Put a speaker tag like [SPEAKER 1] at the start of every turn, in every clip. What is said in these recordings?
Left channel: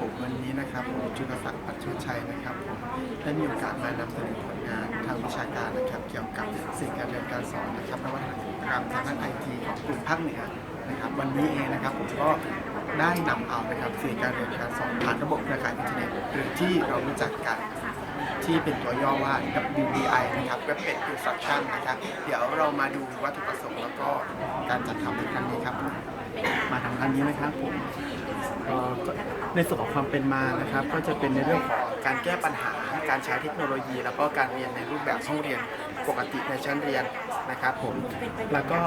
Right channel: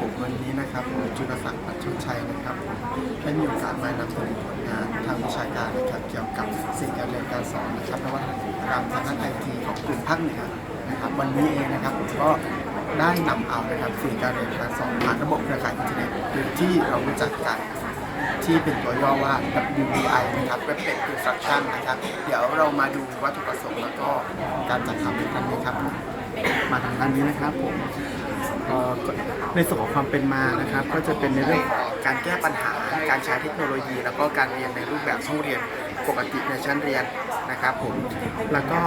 [SPEAKER 1] ผมวันนี้นะครับผมจุลศักดิ์ปัจจุชัยนะครับผมได้มีโอกาสมานำเสนอผลงานทางวิชาการนะครับ เกี่ยวกับสิ่งการเรียนการสอนนะครับนวัตกรรมทางด้านไอทีของกลุ่มภาคเหนือนะครับ วันนี้เองนะครับผมก็ได้นำเอานะครับสิ่งการเรียนการสอนผ่านระบบเครือข่ายอินเทอร์เน็ตหรือที่เรารู้จักกันที่เป็นตัวย่อว่า WBI นะครับ Web Based Instruction นะครับ เดี๋ยวเรามาดูวัตถุประสงค์แล้วก็การจัดทำในครั้งนี้ครับมาทางด้านนี้นะครับผม ในส่วนของความเป็นมานะครับก็จะเป็นในเรื่องการแก้ปัญหาการใช้เทคโนโลยี แล้วก็การเรียนในรูปแบบห้องเรียนปกติในชั้นเรียนนะครับผมแล้วก็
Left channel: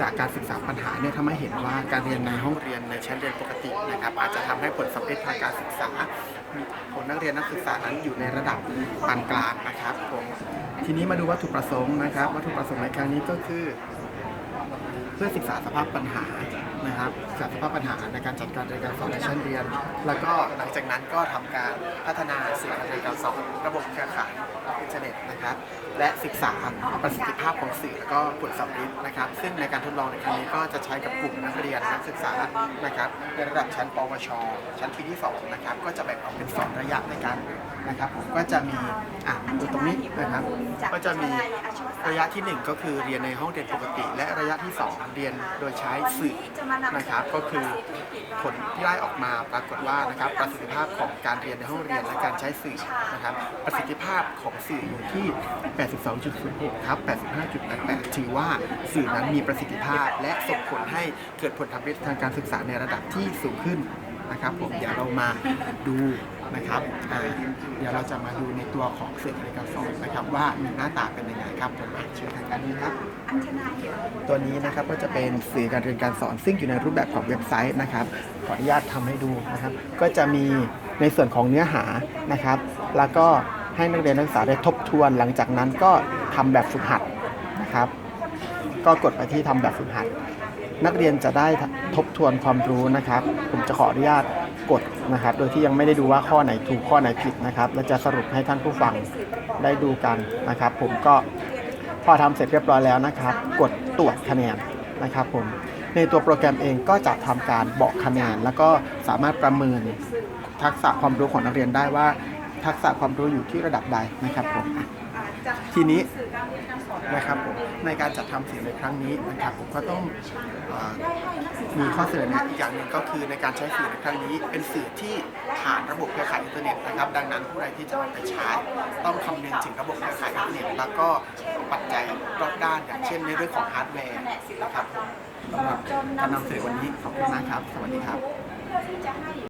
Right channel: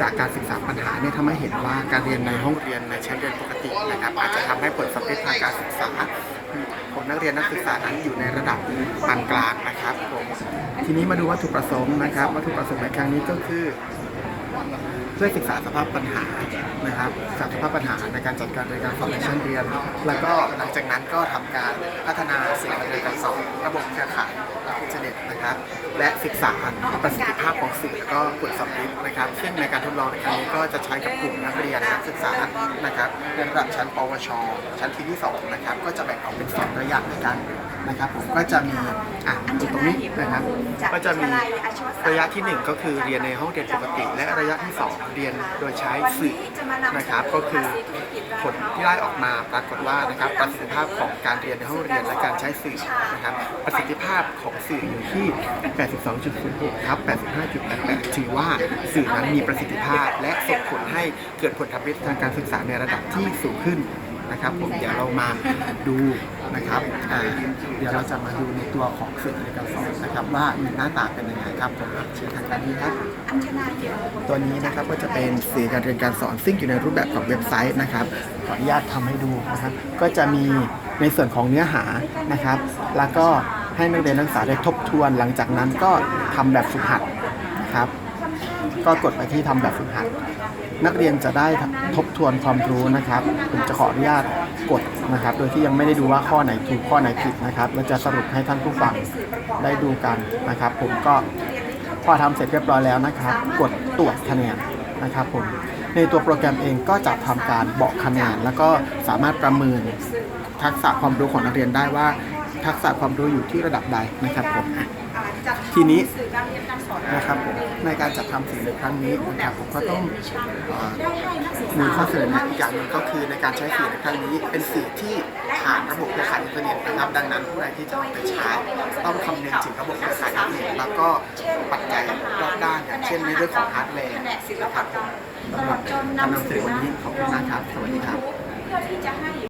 [SPEAKER 1] จากการศึกษาปัญหาเนี่ยทำให้เห็นว่าการเรียนในห้องเรียนในชั้นเรียนปกตินะครับอาจจะทำให้ผลสำเร็จทางการศึกษาของนักเรียนนักศึกษานั้นอยู่ในระดับปานกลางนะครับผมทีนี้มาดูวัตถุประสงค์นะครับ วัตถุประสงค์ในครั้งนี้ก็คือ เพื่อศึกษาสภาพปัญหานะครับศึกษาสภาพปัญหาในการจัดการในการสอนในชั้นเรียน แล้วก็หลังจากนั้นก็ทำการพัฒนาสิ่งในการสอนระบบเครือข่ายอินเทอร์เน็ตนะครับ และศึกษาประสิทธิภาพของสื่อแล้วก็ผลสำลิดนะครับ ซึ่งในการทดลองในครั้งนี้ก็จะใช้กับกลุ่มนักเรียนนักศึกษานะครับในระดับชั้น ปวช ชั้นปีที่สองนะครับก็จะแบ่งออกเป็นสองระยะในการนะครับผมก็จะมีอะ จุดตรงนี้นะครับ ก็จะมีระยะที่หนึ่งก็คือเรียนในห้องเรียนปกติ และระยะที่สองเรียนโดยใช้สื่อนะครับ ก็คือผลที่ได้ออกมาปรากฏว่านะครับประสิทธิภาพของการเรียนในห้องเรียนและการใช้สื่อนะครับ ประสิทธิภาพของสื่ออยู่ที่ 82.06ครับ85.88ถือว่าสื่อนั้นมีประสิทธิภาพและส่งผลให้เกิดผลทำให้ทางการศึกษาในระดับที่สูงขึ้น นะครับผมเดี๋ยวเรามาดูนะครับอ่าเดี๋ยวเราจะมาดูในตัวของสื่อในการสอนนะครับ ว่ามีหน้าตาเป็นยังไงครับผมอะเชิญทางด้านนี้ครับตัวนี้นะครับก็จะเป็นสื่อการเรียนการสอนซึ่งอยู่ในรูปแบบของเว็บไซต์นะครับขออนุญาตทำให้ดูนะครับ ก็จะมีในส่วนของเนื้อหานะครับ แล้วก็ให้นักเรียนนักศึกษาได้ทบทวน หลังจากนั้นก็ทำแบบฝึกหัดนะครับ ก็กดไปที่ทำแบบฝึกหัด นักเรียนจะได้ทบทวนความรู้นะครับ ผมจะขออนุญาตกดนะครับ โดยที่ยังไม่ได้ดูว่าข้อไหนถูกข้อไหนผิดนะครับเราจะสรุปให้ท่านผู้ฟังได้ดูกันนะครับ ผมก็พอทำเสร็จเรียบร้อยแล้วนะครับ กดตรวจคะแนนนะครับผมในตัวโปรแกรมเองก็จะทำการบอกคะแนน แล้วก็สามารถประเมินทักษะความรู้ของนักเรียนได้ว่า ทักษะความรู้อยู่ที่ระดับใดนะครับผม ทีนี้นะครับผมในการจัดทำสื่อในครั้งนี้นะครับผมก็ต้องเอ่อมีข้อเสนอแนะอีกอย่างหนึ่งก็คือในการใช้สื่อในครั้งนี้ เป็นสื่อที่ผ่านระบบเครือข่ายอินเทอร์เน็ตนะครับ ดังนั้นผู้ใดที่จะเอาไปใช้ต้องคำนึงถึงระบบเครือข่ายอินเทอร์เน็ตแล้วก็ปัจจัยรอบด้านอย่างเช่นในเรื่องของฮาร์ดแวร์นะครับผมสำหรับการนำสื่อวันนี้ขอบคุณมากครับสวัสดีครับ